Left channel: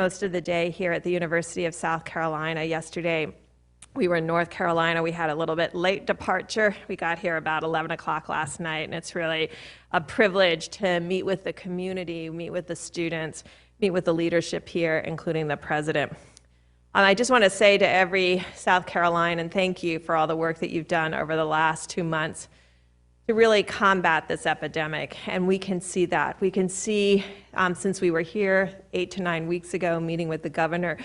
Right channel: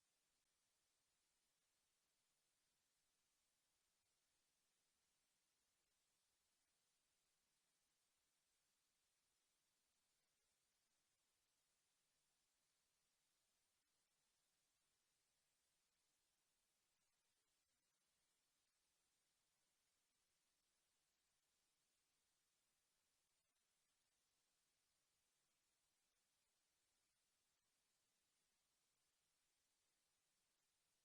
most of the day here at the University of South Carolina. Yesterday, we were in North Carolina. We had a little bit late departure. We got here about 11 o'clock last night, and it's really a privilege to meet with the community, meet with the students, meet with the leadership here, including the president. I just want to say to every South Carolinian, thank you for all the work that you've done over the last 2 months to really combat this epidemic, and we can see that. We can see, since we were here 8 to 9 weeks ago meeting with the governor,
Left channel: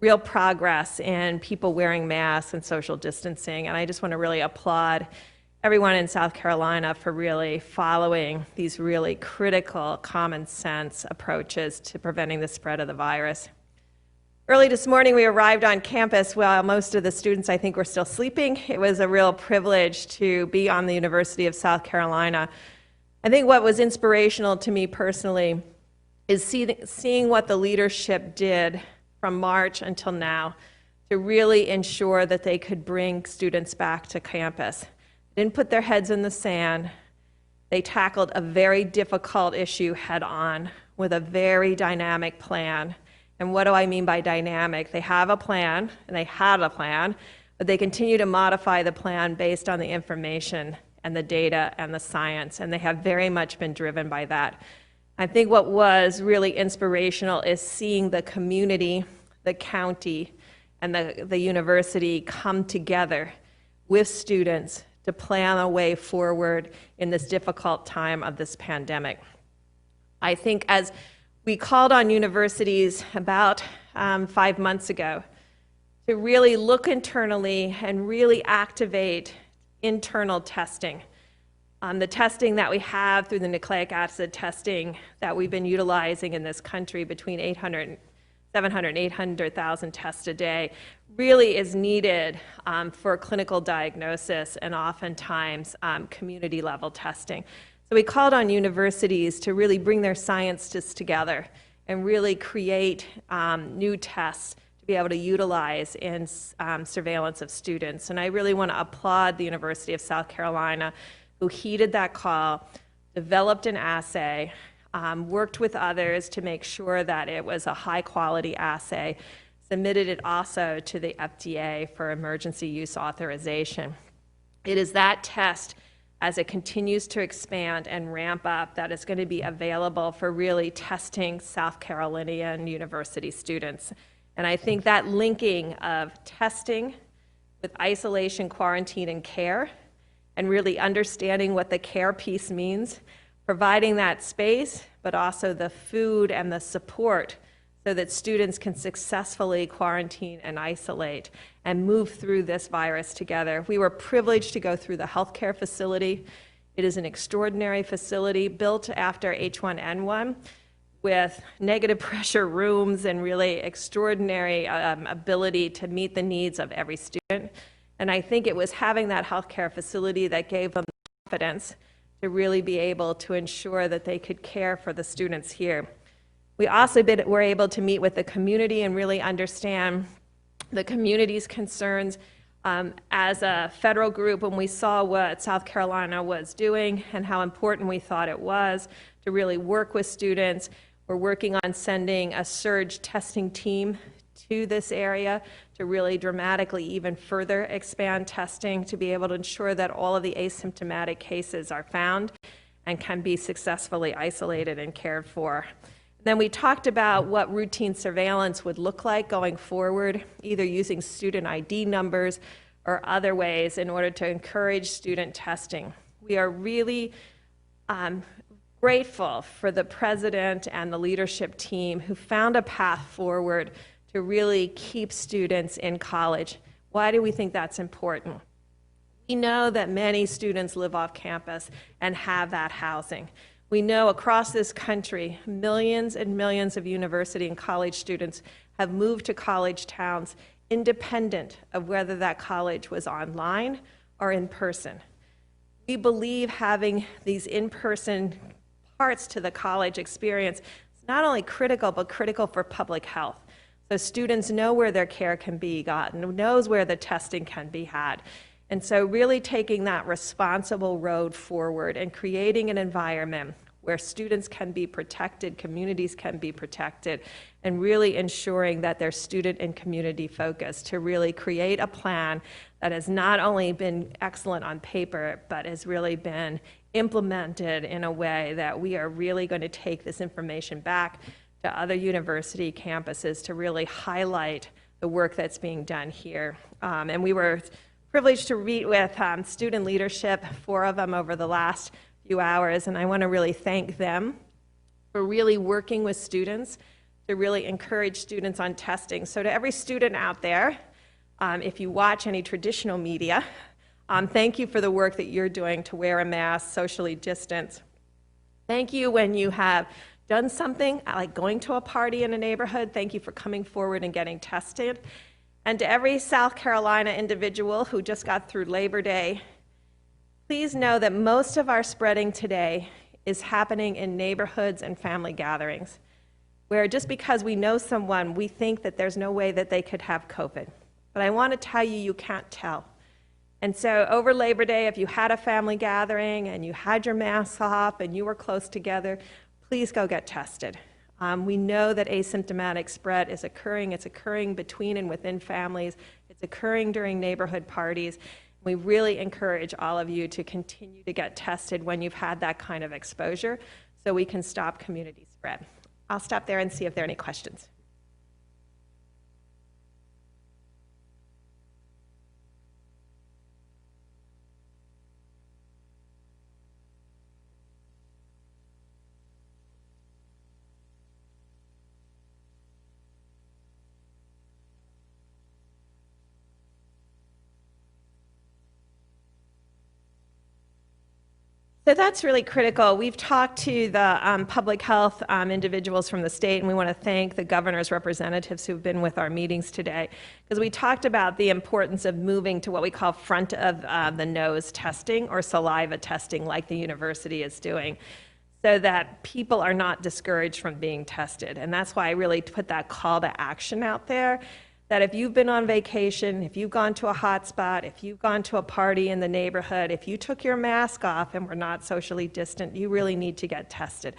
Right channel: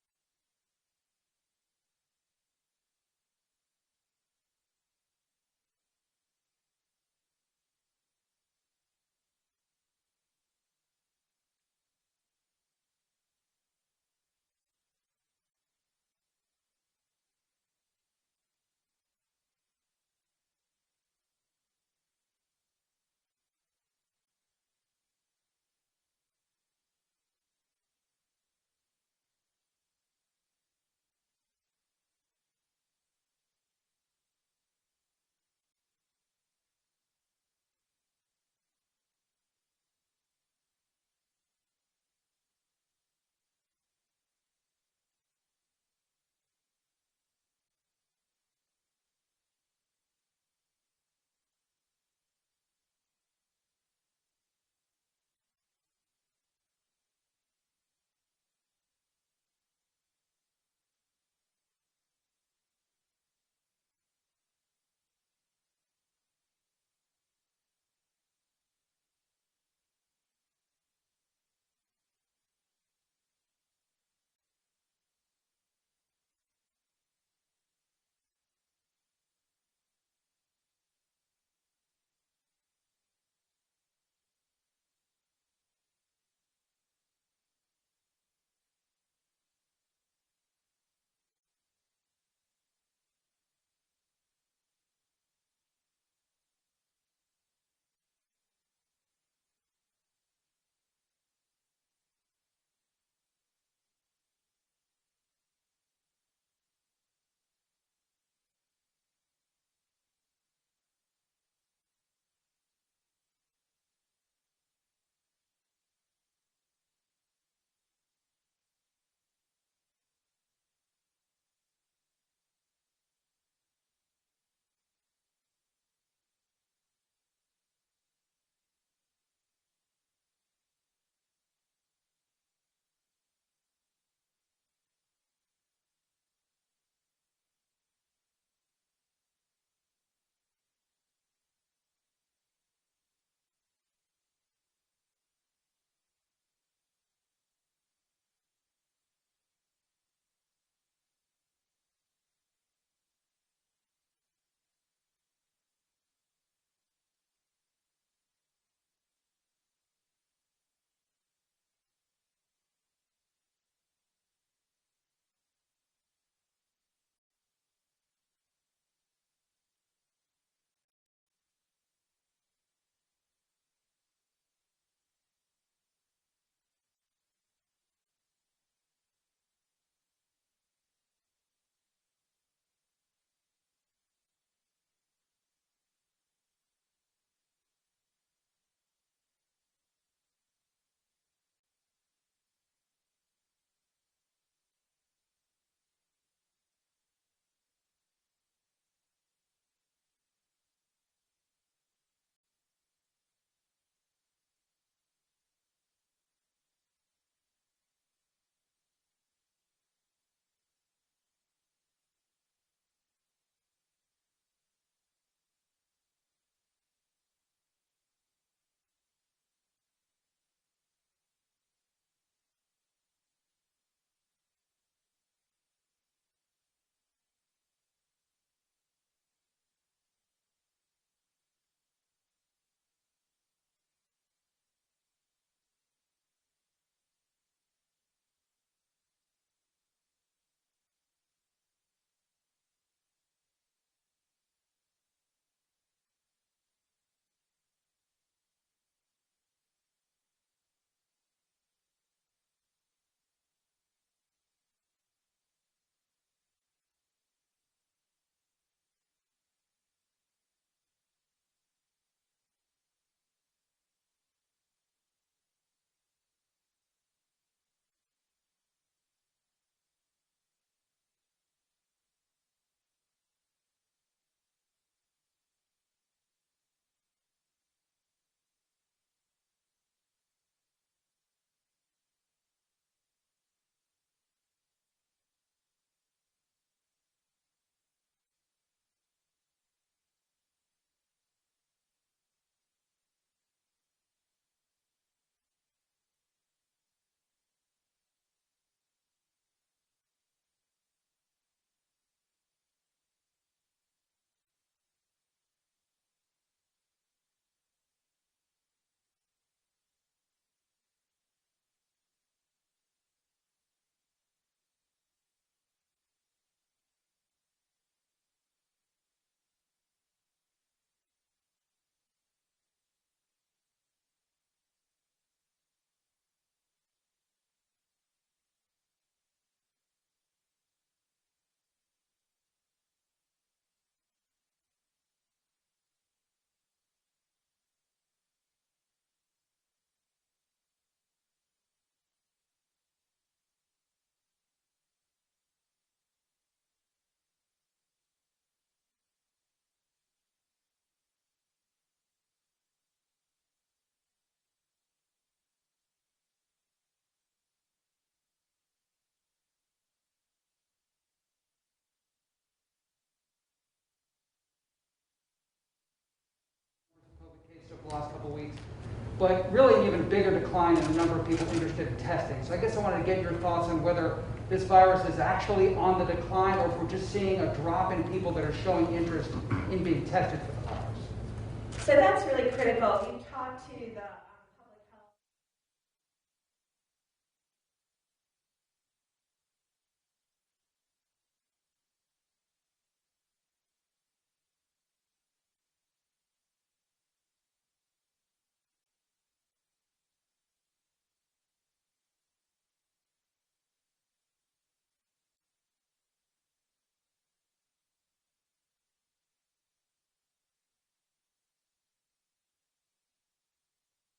real progress in people wearing masks and social distancing, and I just want to really applaud everyone in South Carolina for really following these really critical common sense approaches to preventing the spread of the virus. Early this morning, we arrived on campus while most of the students, I think, were still sleeping. It was a real privilege to be on the University of South Carolina. I think what was inspirational to me personally is seeing what the leadership did from March until now to really ensure that they could bring students back to campus. They didn't put their heads in the sand. They tackled a very difficult issue head on with a very dynamic plan. And what do I mean by dynamic? They have a plan, and they had a plan, but they continue to modify the plan based on the information and the data and the science, and they have very much been driven by that. I think what was really inspirational is seeing the community, the county, and the university come together with students to plan a way forward in this difficult time of this pandemic. I think as we called on universities about 5 months ago to really look internally and really activate internal testing. The testing that we have through the nucleic acid testing that we've been utilizing in this country, between 700 and 800,000 tests a day, really is needed for clinical diagnosis and oftentimes community level testing. So we called on universities to really bring their scientists together and really create new tests to be able to utilize in surveillance of students. And I really want to applaud the University of South Carolina, who heeded that call, developed an assay, worked with others to make sure that it was a high quality assay, submitted it also to the FDA for emergency use authorization. It is that test, as it continues to expand and ramp up, that is going to be available for really testing South Carolinian university students. And I think that linking of testing with isolation, quarantine, and care, and really understanding what the care piece means, providing that space, but also the food and the support so that students can successfully quarantine and isolate and move through this virus together. We were privileged to go through the healthcare facility. It is an extraordinary facility built after H1N1 with negative pressure rooms and really extraordinary ability to meet the needs of every student. And I think it was having that healthcare facility that gave them confidence to really be able to ensure that they could care for the students here. We also were able to meet with the community and really understand the community's concerns. As a federal group, when we saw what South Carolina was doing and how important we thought it was to really work with students, we're working on sending a surge testing team to this area to really dramatically even further expand testing to be able to ensure that all of the asymptomatic cases are found and can be successfully isolated and cared for. Then we talked about what routine surveillance would look like going forward, either using student ID numbers or other ways in order to encourage student testing. We are really grateful for the president and the leadership team who found a path forward to really keep students in college. Why do we think that's important? We know that many students live off campus and have that housing. We know across this country, millions and millions of university and college students have moved to college towns independent of whether that college was online or in person. We believe having these in-person parts to the college experience is not only critical, but critical for public health. So students know where their care can be gotten, knows where the testing can be had. And so really taking that responsible road forward and creating an environment where students can be protected, communities can be protected, and really ensuring that they're student and community focused to really create a plan that has not only been excellent on paper, but has really been implemented in a way that we are really going to take this information back to other university campuses to really highlight the work that's being done here. And we were privileged to meet with student leadership, 4 of them over the last few hours, and I want to really thank them for really working with students to really encourage students on testing. So to every student out there, if you watch any traditional media, thank you for the work that you're doing to wear a mask, socially distance. Thank you when you have done something like going to a party in a neighborhood. Thank you for coming forward and getting tested. And to every South Carolina individual who just got through Labor Day, please know that most of our spreading today is happening in neighborhoods and family gatherings, where just because we know someone, we think that there's no way that they could have COVID. But I want to tell you, you can't tell. And so over Labor Day, if you had a family gathering and you had your masks off and you were close together, please go get tested. We know that asymptomatic spread is occurring. It's occurring between and within families. It's occurring during neighborhood parties. We really encourage all of you to continue to get tested when you've had that kind of exposure so we can stop community spread. I'll stop there and see if there are any questions. The last couple of weeks, but really an even bigger decline in the number of people interested in testing. So I guess I wanted to get your thoughts on whether this virus is actually on the decline or if we're just seeing a drop in people that are showing interest in being tested for the virus. So that's really critical. We've talked to the public health individuals from the state, and we want to thank the governor's representatives who've been with our meetings today, because we talked about the importance of moving to what we call front of the nose testing or saliva testing like the university is doing, so that people are not discouraged from being tested. And that's why I really put that call to action out there, that if you've been on vacation, if you've gone to a hot spot, if you've gone to a party in the neighborhood, if you took your mask off and were not socially distant, you really need to get tested.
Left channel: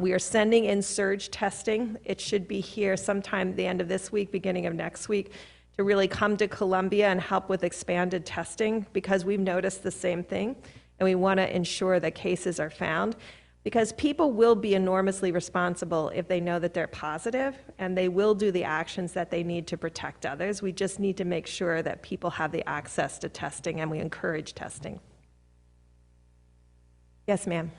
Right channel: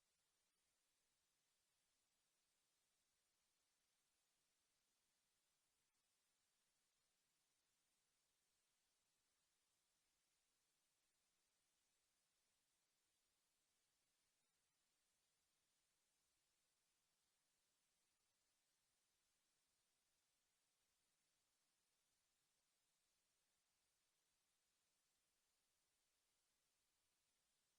We are sending in surge testing. It should be here sometime at the end of this week, beginning of next week, to really come to Columbia and help with expanded testing, because we've noticed the same thing, and we want to ensure that cases are found. Because people will be enormously responsible if they know that they're positive, and they will do the actions that they need to protect others. We just need to make sure that people have the access to testing, and we encourage testing. Yes, ma'am.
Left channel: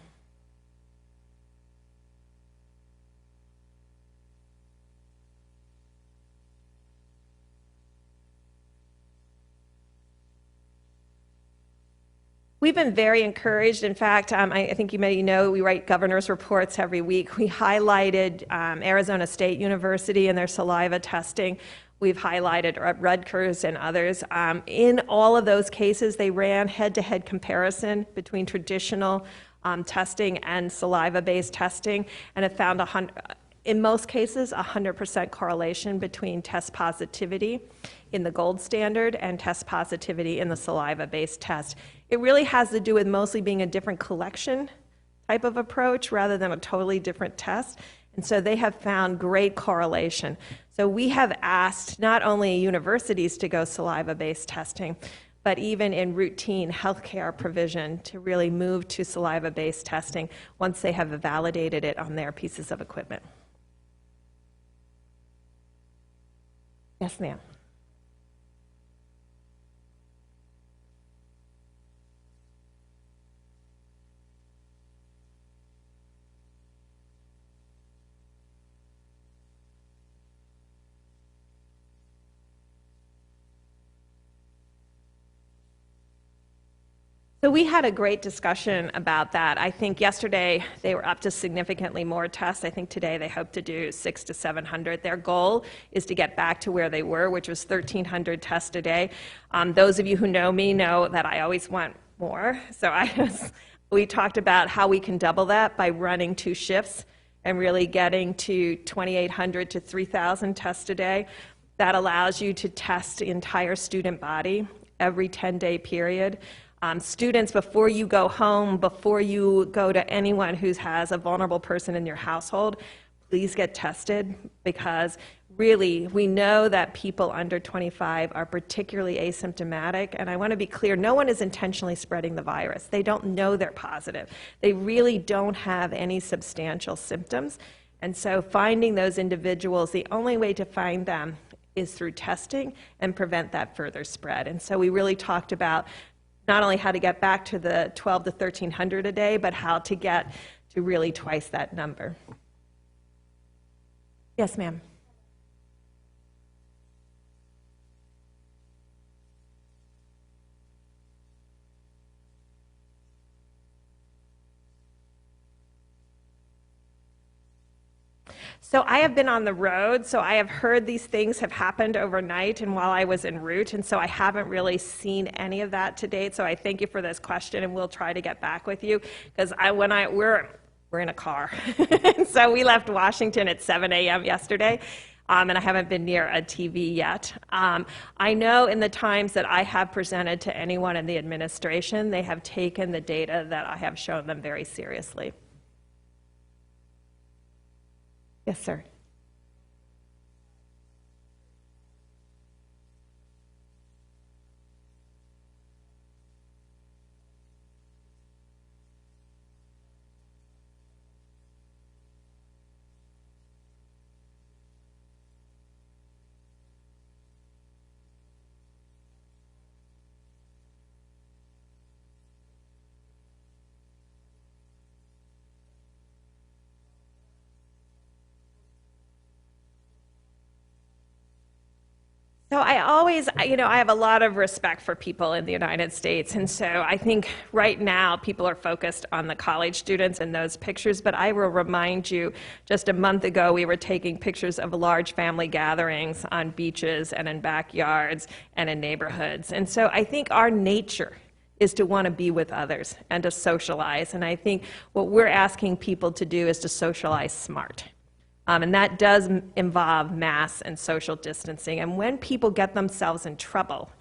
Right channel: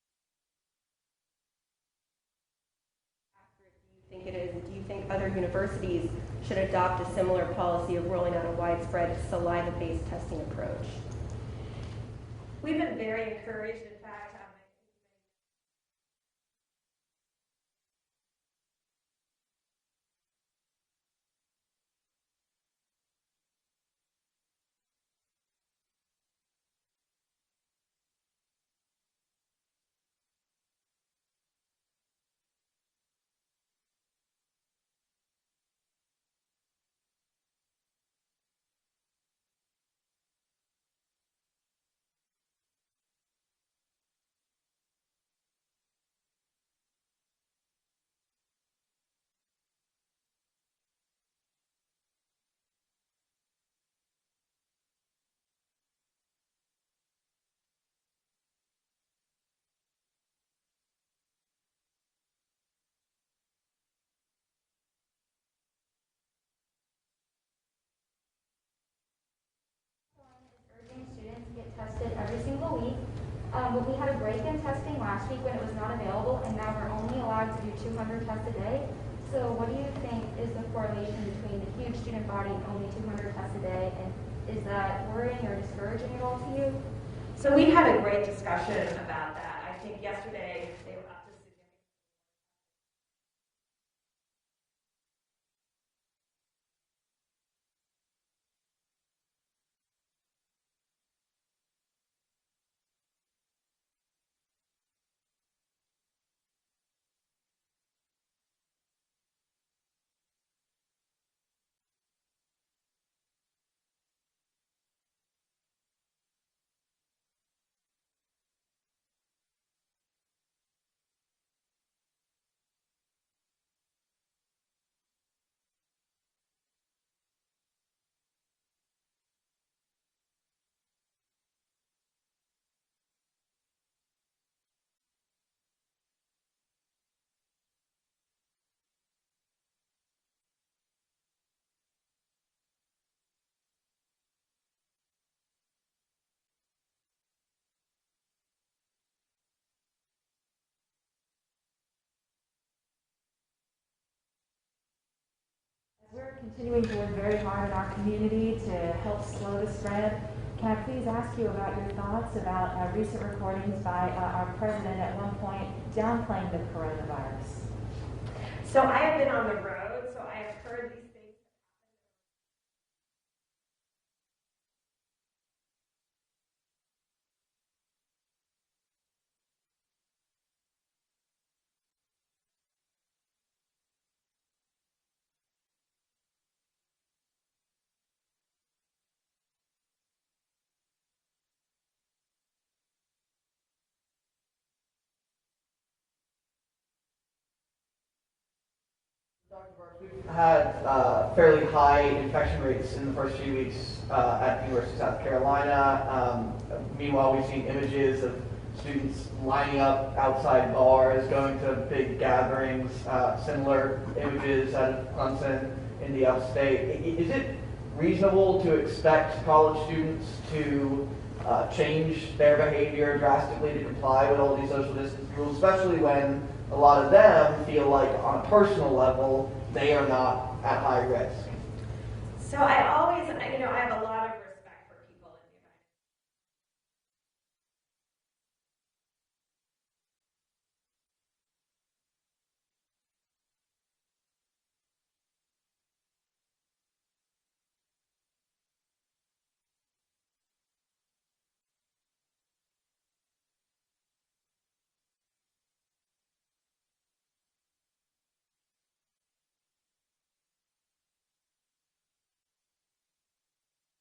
Do you think other universities should adopt a similar policy of rolling out a widespread saliva-based testing approach? We've been very encouraged. In fact, I think you may know we write governor's reports every week. We highlighted Arizona State University and their saliva testing. We've highlighted Rutgers and others. In all of those cases, they ran head-to-head comparison between traditional testing and saliva-based testing, and have found in most cases 100% correlation between test positivity in the gold standard and test positivity in the saliva-based test. It really has to do with mostly being a different collection type of approach rather than a totally different test. And so they have found great correlation. So we have asked not only universities to go saliva-based testing, but even in routine healthcare provision to really move to saliva-based testing once they have validated it on their pieces of equipment. Yes, ma'am. Every single week, but we had a break in testing last week when it was not available, and now we're only allowed to do 200 tests a day. So what do you think is the correlation between the huge student body and only 200 tests a day, and is that worrying or discouraging at all to you? So we had a great discussion about that. I think yesterday they were up to significantly more tests. I think today they hope to do 600 to 700. Their goal is to get back to where they were, which was 1,300 tests a day. Those of you who know me know that I always want more. So we talked about how we can double that by running 2 shifts and really getting to 2,800 to 3,000 tests a day. That allows you to test the entire student body every 10-day period. Students, before you go home, before you go to anyone who has a vulnerable person in your household, please get tested, because really, we know that people under 25 are particularly asymptomatic, and I want to be clear, no one is intentionally spreading the virus. They don't know they're positive. They really don't have any substantial symptoms, and so finding those individuals, the only way to find them is through testing and prevent that further spread. And so we really talked about not only how to get back to the 12 to 1,300 a day, but how to get to really twice that number. Yes, ma'am. We're continuing to work very hard in our community to help slow the spread. Can I please ask you about your thoughts about recent recordings by our president at one point downplaying the coronavirus? So I have been on the road, so I have heard these things have happened overnight and while I was en route, and so I haven't really seen any of that to date. So I thank you for this question, and we'll try to get back with you, because we're in a car. And so we left Washington at 7 a.m. yesterday, and I haven't been near a TV yet. I know in the times that I have presented to anyone in the administration, they have taken the data that I have shown them very seriously. Yes, sir. Dr. Birx, we've had fairly high infection rates in the first few weeks at the University of South Carolina. Meanwhile, we've seen images of students lining up outside bars, going to big gatherings, similar images out of Clemson in the upstate. Is it reasonable to expect college students to change their behavior drastically to comply with all these social distance rules, especially when a lot of them feel like on a personal level they are not at high risk? So I always, I have a lot of respect for people in the United States, and so I think right now people are focused on the college students and those pictures, but I will remind you, just a month ago we were taking pictures of large family gatherings on beaches and in backyards and in neighborhoods. And so I think our nature is to want to be with others and to socialize, and I think what we're asking people to do is to socialize smart. And that does involve mass and social distancing. And when people get themselves in trouble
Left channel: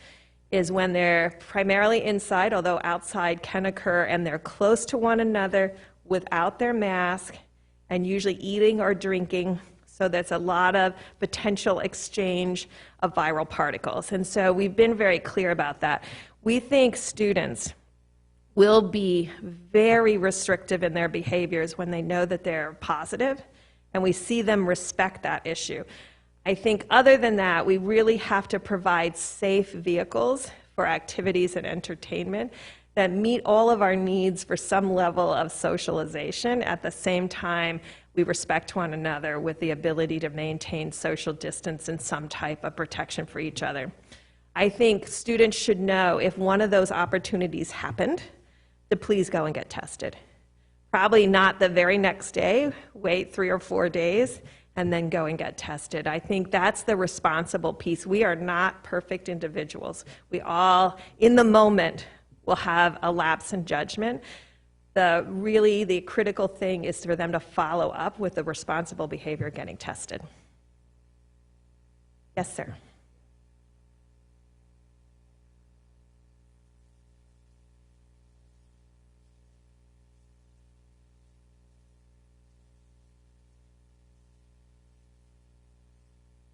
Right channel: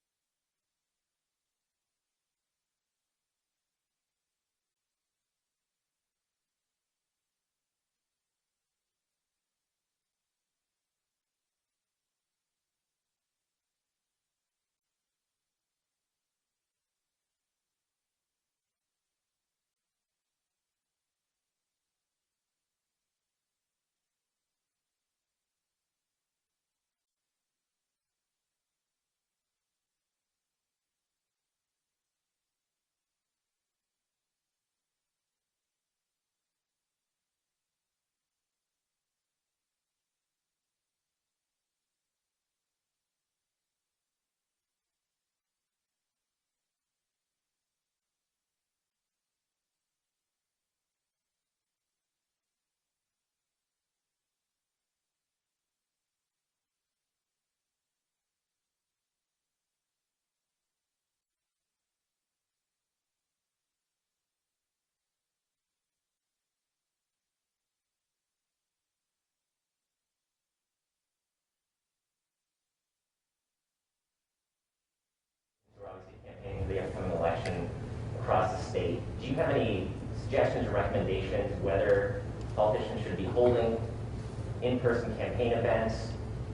is when they're primarily inside, although outside can occur, and they're close to one another without their mask and usually eating or drinking. So there's a lot of potential exchange of viral particles. And so we've been very clear about that. We think students will be very restrictive in their behaviors when they know that they're positive, and we see them respect that issue. I think other than that, we really have to provide safe vehicles for activities and entertainment that meet all of our needs for some level of socialization. At the same time, we respect one another with the ability to maintain social distance and some type of protection for each other. I think students should know if one of those opportunities happened, to please go and get tested. Probably not the very next day, wait 3 or 4 days, and then go and get tested. I think that's the responsible piece. We are not perfect individuals. We all, in the moment, will have a lapse in judgment. The critical thing is for them to follow up with the responsible behavior getting tested. Yes, sir. We're obviously campaigning for the upcoming election across the state. Do you have any suggestions or recommendations whether politicians should be holding in-person campaign events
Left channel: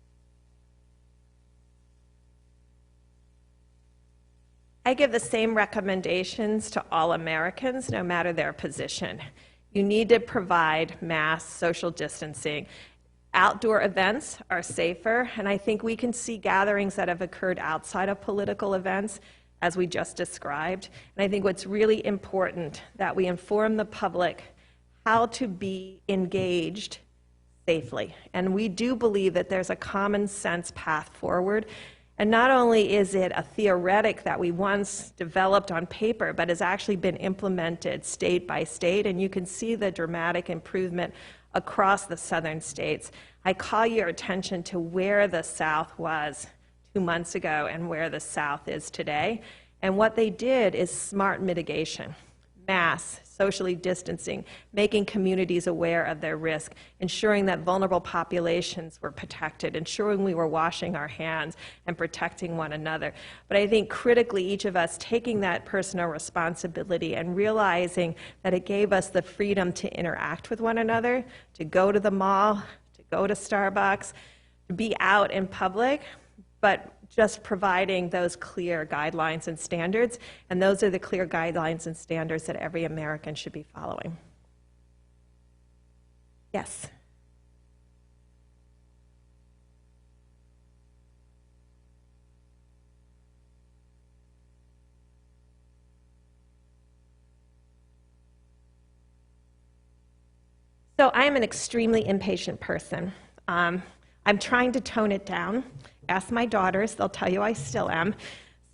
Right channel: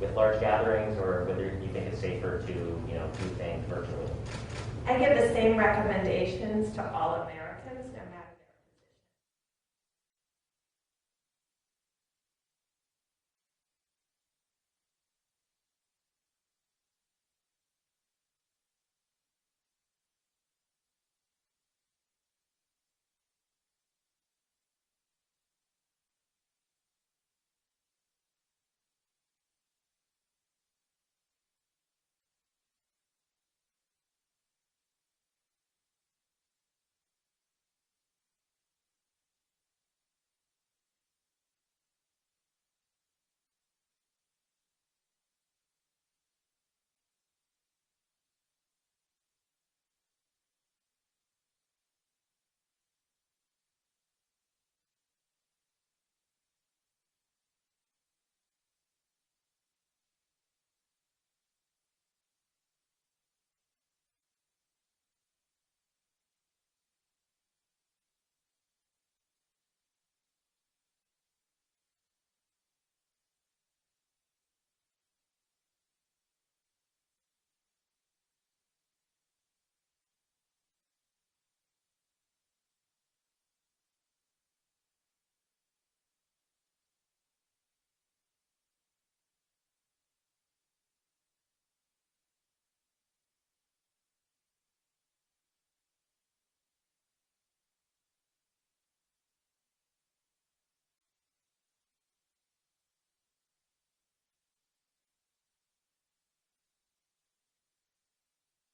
with large gatherings, or whether you think it's safer to, do things virtually? I give the same recommendations to all Americans, no matter their position. You need to provide mass social distancing. Outdoor events are safer, and I think we can see gatherings that have occurred outside of political events, as we just described. And I think what's really important that we inform the public how to be engaged safely. And we do believe that there's a common sense path forward. And not only is it a theoretic that we once developed on paper, but has actually been implemented state by state, and you can see the dramatic improvement across the southern states. I call your attention to where the South was 2 months ago and where the South is today. And what they did is smart mitigation, masks, socially distancing, making communities aware of their risk, ensuring that vulnerable populations were protected, ensuring we were washing our hands and protecting one another. But I think critically, each of us taking that personal responsibility and realizing that it gave us the freedom to interact with one another, to go to the mall, to go to Starbucks, to be out in public, but just providing those clear guidelines and standards, and those are the clear guidelines and standards that every American should be following. Yes? So I am an extremely impatient person. I'm trying to tone it down. Ask my daughters, they'll tell you I still am.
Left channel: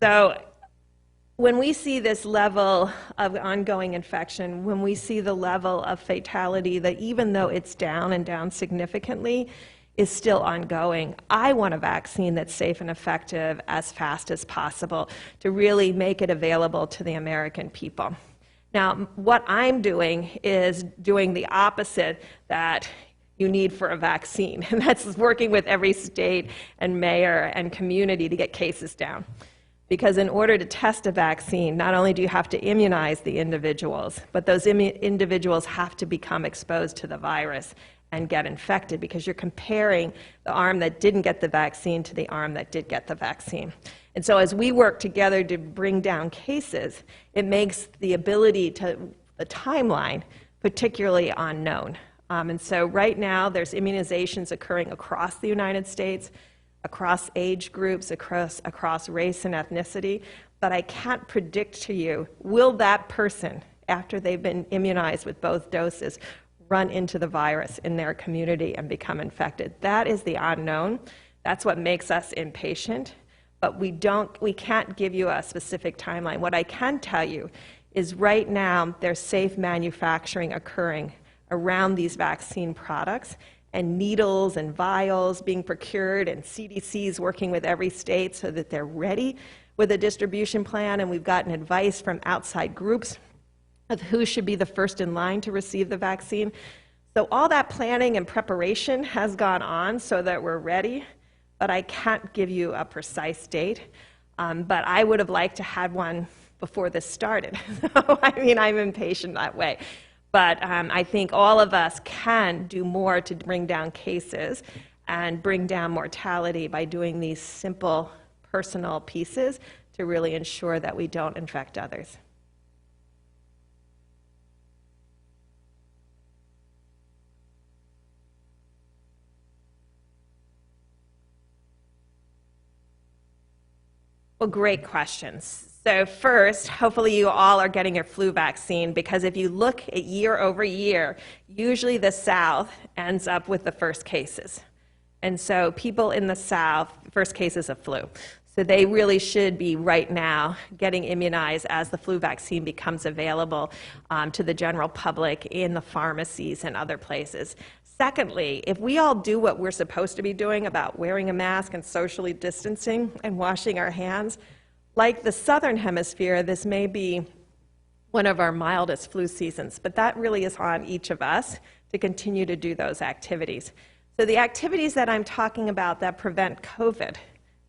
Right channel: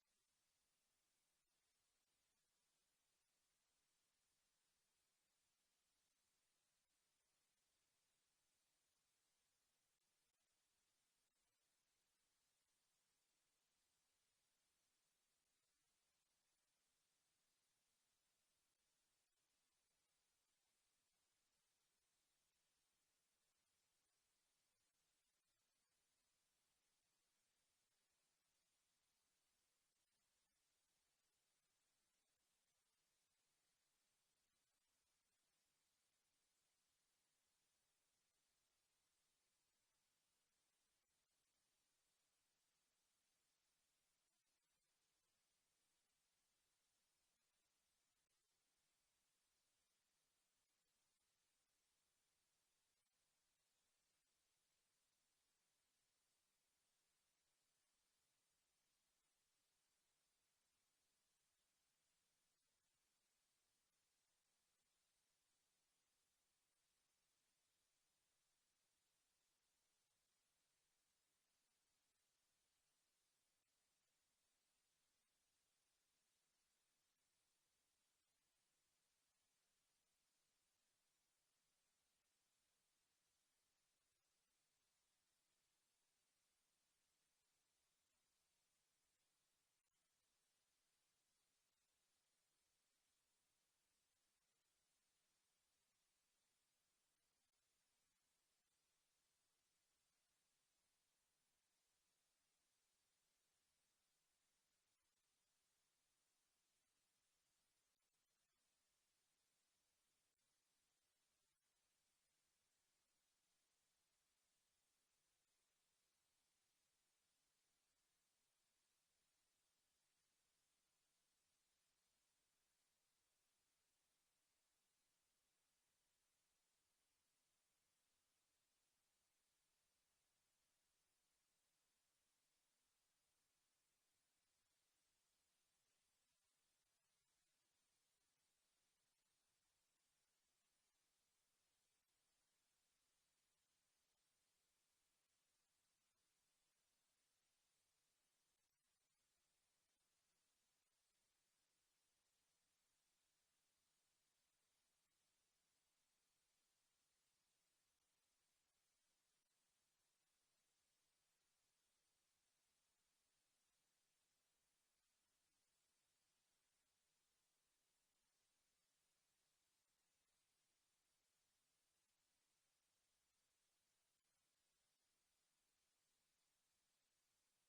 So when we see this level of ongoing infection, when we see the level of fatality that even though it's down and down significantly, is still ongoing, I want a vaccine that's safe and effective as fast as possible to really make it available to the American people. Now, what I'm doing is doing the opposite that you need for a vaccine, and that's working with every state and mayor and community to get cases down. Because in order to test a vaccine, not only do you have to immunize the individuals, but those individuals have to become exposed to the virus and get infected, because you're comparing the arm that didn't get the vaccine to the arm that did get the vaccine. And so as we work together to bring down cases, it makes the ability to, the timeline, particularly unknown. And so right now, there's immunizations occurring across the United States, across age groups, across race and ethnicity, but I can't predict to you, will that person, after they've been immunized with both doses, run into the virus in their community and become infected? That is the unknown. That's what makes us impatient, but we can't give you a specific timeline. What I can tell you is right now, there's safe manufacturing occurring around these vaccine products, and needles and vials being procured, and CDC's working with every state so that they're ready with a distribution plan, and we've gotten advice from outside groups of who should be the first in line to receive the vaccine. So all that planning and preparation has gone on so that we're ready, but I can't give you a precise date. But I would have liked to have one before this started. So, I mean, I'm impatient that way. But I think all of us can do more to bring down cases and bring down mortality by doing these simple personal pieces to really ensure that we don't infect others. Well, great questions. So first, hopefully you all are getting your flu vaccine, because if you look at year over year, usually the South ends up with the first cases. And so people in the South, first cases of flu. So they really should be right now getting immunized as the flu vaccine becomes available to the general public in the pharmacies and other places. Secondly, if we all do what we're supposed to be doing about wearing a mask and socially distancing and washing our hands, like the Southern Hemisphere, this may be one of our mildest flu seasons, but that really is on each of us to continue to do those activities. So the activities that I'm talking about that prevent COVID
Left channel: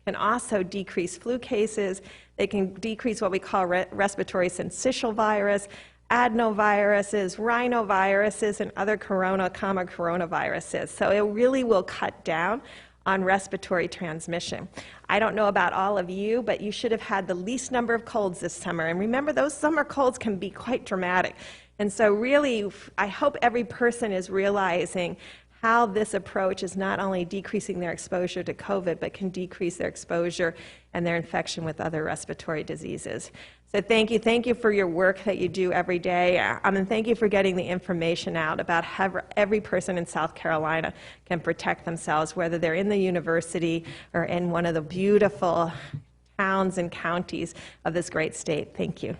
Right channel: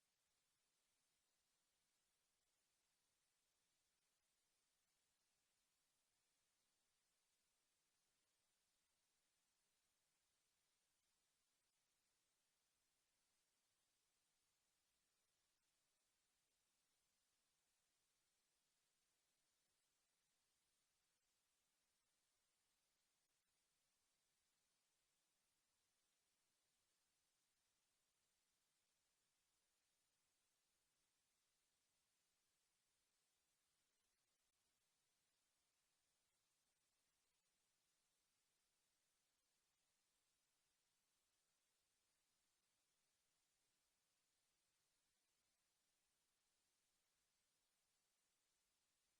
can also decrease flu cases. They can decrease what we call respiratory syncytial virus, adenoviruses, rhinoviruses, and other coronaviruses. So it really will cut down on respiratory transmission. I don't know about all of you, but you should have had the least number of colds this summer. And remember, those summer colds can be quite dramatic. And so really, I hope every person is realizing how this approach is not only decreasing their exposure to COVID, but can decrease their exposure and their infection with other respiratory diseases. So thank you for your work that you do every day, and thank you for getting the information out about how every person in South Carolina can protect themselves, whether they're in the university or in one of the beautiful towns and counties of this great state. Thank you.